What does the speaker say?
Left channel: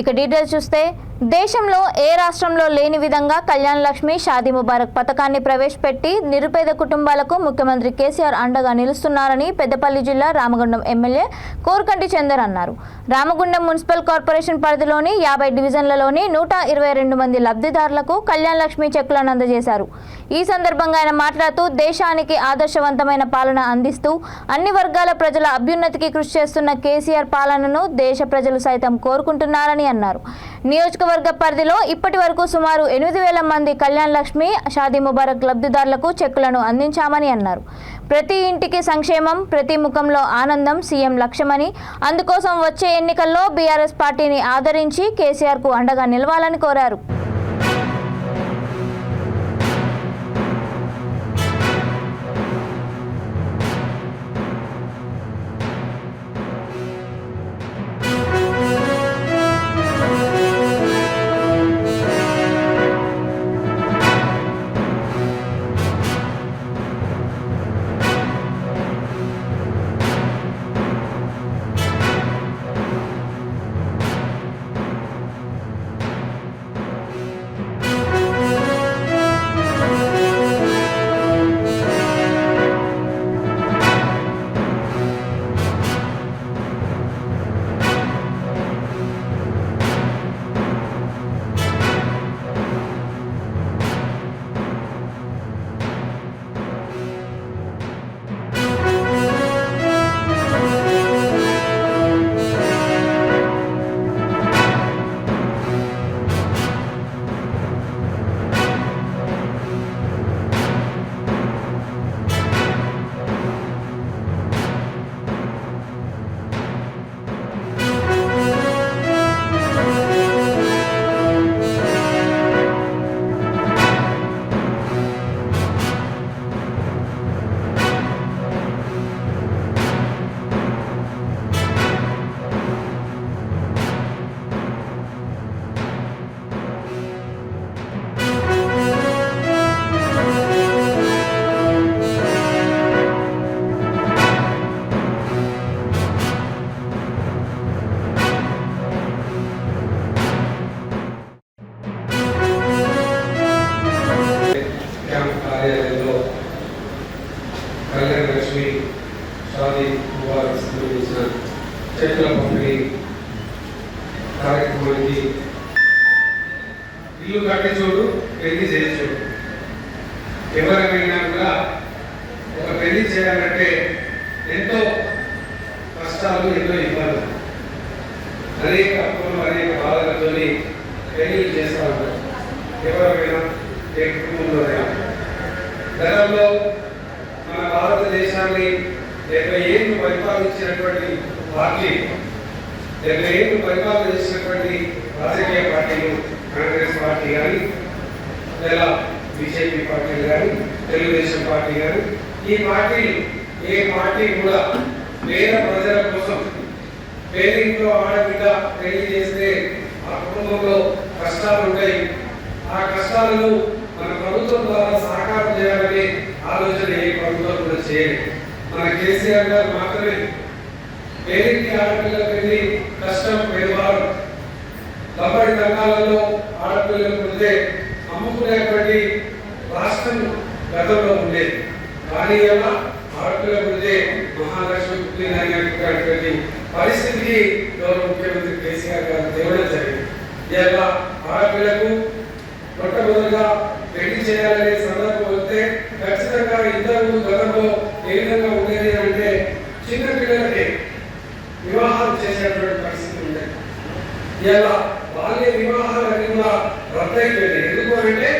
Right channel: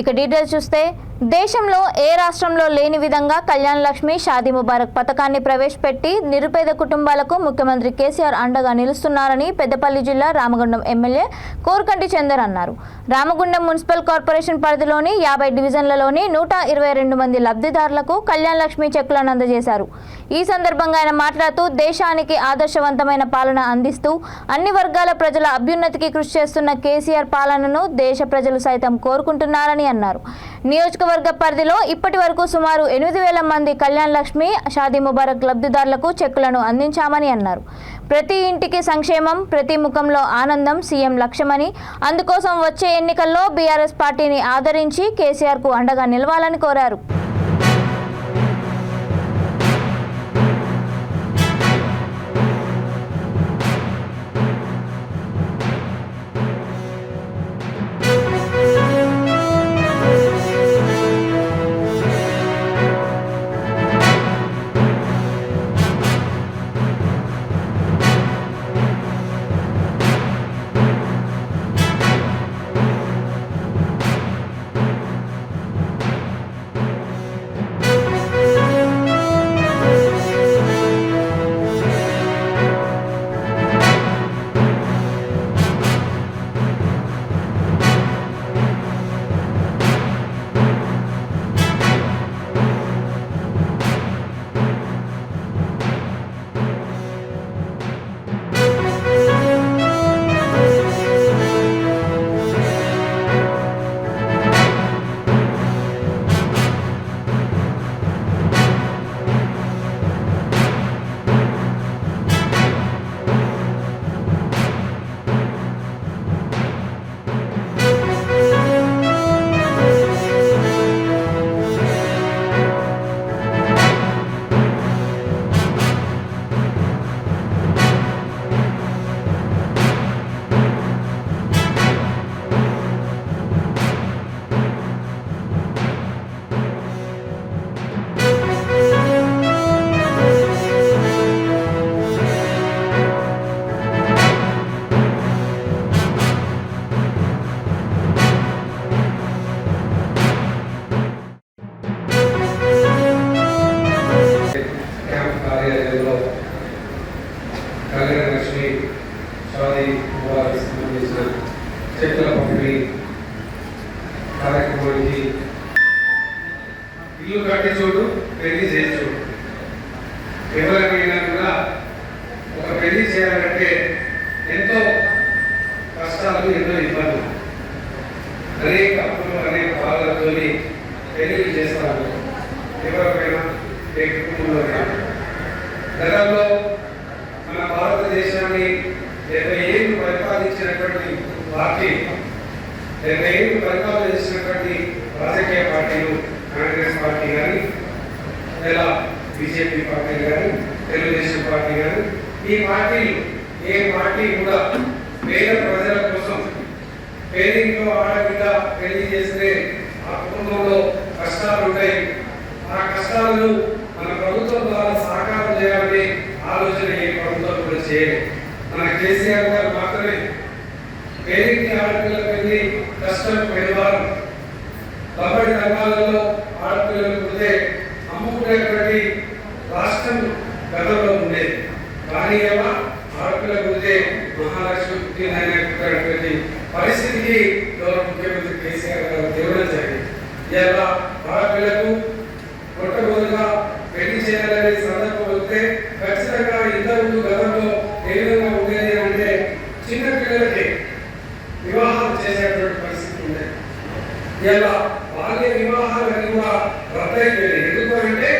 ఇక డీటెయిల్స్ చూస్తే దేశంలో ఏ రాష్ట్రంలో లేని విధంగా కళ్యాణ్ లక్ష్మి షాదీ ముబారక్ పథకాన్ని ప్రవేశపెట్టి నిరుపేద కుటుంబాలకు ముఖ్యమంత్రి కేసీఆర్ అండగా నిలుస్తున్నారని పెద్దపల్లి జిల్లా రామగుండం ఎమ్మెల్యే కోరుకంటి చందర్ అన్నారు. రామగుండం మున్సిపల్ కార్పొరేషన్ పరిధిలోని 50 డివిజన్లలోని 122 మంది లబ్ధిదారులకు కళ్యాణ్ లక్ష్మి చెక్కులను అందజేశారు. ఈ సందర్భంగా ఆయన మాట్లాడుతూ దేశానికి ఆదర్శవంతమైన పాలన అందిస్తూ అన్ని వర్గాల ప్రజల అభ్యున్నతికి కృషి చేస్తున్న కేసీఆర్ పాలనను దేశ ప్రజలు సైతం కోరుకుంటున్నారని అన్నారు. నియోజకవర్గ పరిధిలో ఇప్పటి వరకు సుమారు 8,000 మంది కళ్యాణ్ లక్ష్మి షాదీ ముబారక్ లబ్ధిదారులకు చెక్కులను అందించామని అన్నారు. ప్రతి ఇంటికి సంక్షేమం, ప్రతి ముఖంలో ఆనందం సీఎం లక్ష్యమని, అందుకోసం వచ్చే ఎన్నికల్లో బీఆర్ఎస్ పార్టీని ఆదరించి కేసీఆర్కు అండగా నిలవాలని కోరారు. చెట్ల పంపిణీ కార్యక్రమానికి ఇల్లు కట్టి చూడు, పెళ్లి చేసి చూడు. ఎవరికైనా కూడా ఒక పెళ్లి చేయాలంటే ఎంతో కష్టాలు, ఎన్నో ఇబ్బందులు, అనేక అప్పులు, అనేక బాధలతో పెళ్లి చేస్తూ ఉంటారు. ఎవరికైనా ఏ కుటుంబంలో గతంలో మన భారతదేశాన్ని 70 ఏళ్ళు పరిపాలించినటువంటి పార్టీ, 70 ఏళ్ళు పరిపాలన చేసినటువంటి రాజకీయ పార్టీలు, కాంగ్రెస్ పార్టీ కానీ, లేదా బీజేపీ పార్టీ కానీ, తెలుగుదేశం పార్టీ కానీ, ఈ పార్టీలు ఏ పార్టీ కూడా పేద ప్రజల కోసం పేరింట్లో ఆడబిడ్డ పెళ్లి చేస్తే ఆ కుటుంబంలో కష్టాలు ఉంటాయి, ఆ కష్టాలను మన ప్రభుత్వం ద్వారా సాకారం చేయాలనే ఆలోచన ఏ ప్రభుత్వం కూడా చేయలేదు. మన కేసీఆర్ గారు మాత్రమే పేరింటి ఆడపిల్లలకు వెళ్ళి కష్టం పేదవారు కబడ్డీ రంగాలలో ఆడపిల్లలకు ఉంటే అమ్ముకునేటువంటి రాష్ట్రం గతంలో ఉండేది. కానీ ఆడపిల్లలకు ఉంటే మహాలక్ష్మి పుట్టినటువంటి పరిస్థితికి గౌరవ ముఖ్యమంత్రి కేసీఆర్ గారు తేవడం జరిగింది. ఇలా ఆడపిల్లకు మొట్టమొదటిగా పెళ్లి చేయాలనే సందర్భం వస్తే ఖచ్చితంగా ఇద్దరు గతంలో ఏ విధంగా ఉండేది అంటే చిన్న పిల్లలకి వివాహాలు చేసేటువంటి పరిస్థితి ఉండేది. ఇలా బాల్య వివాహాలన్నీ కూడా రద్దయిపోయాయి. ఎందుకు అంటే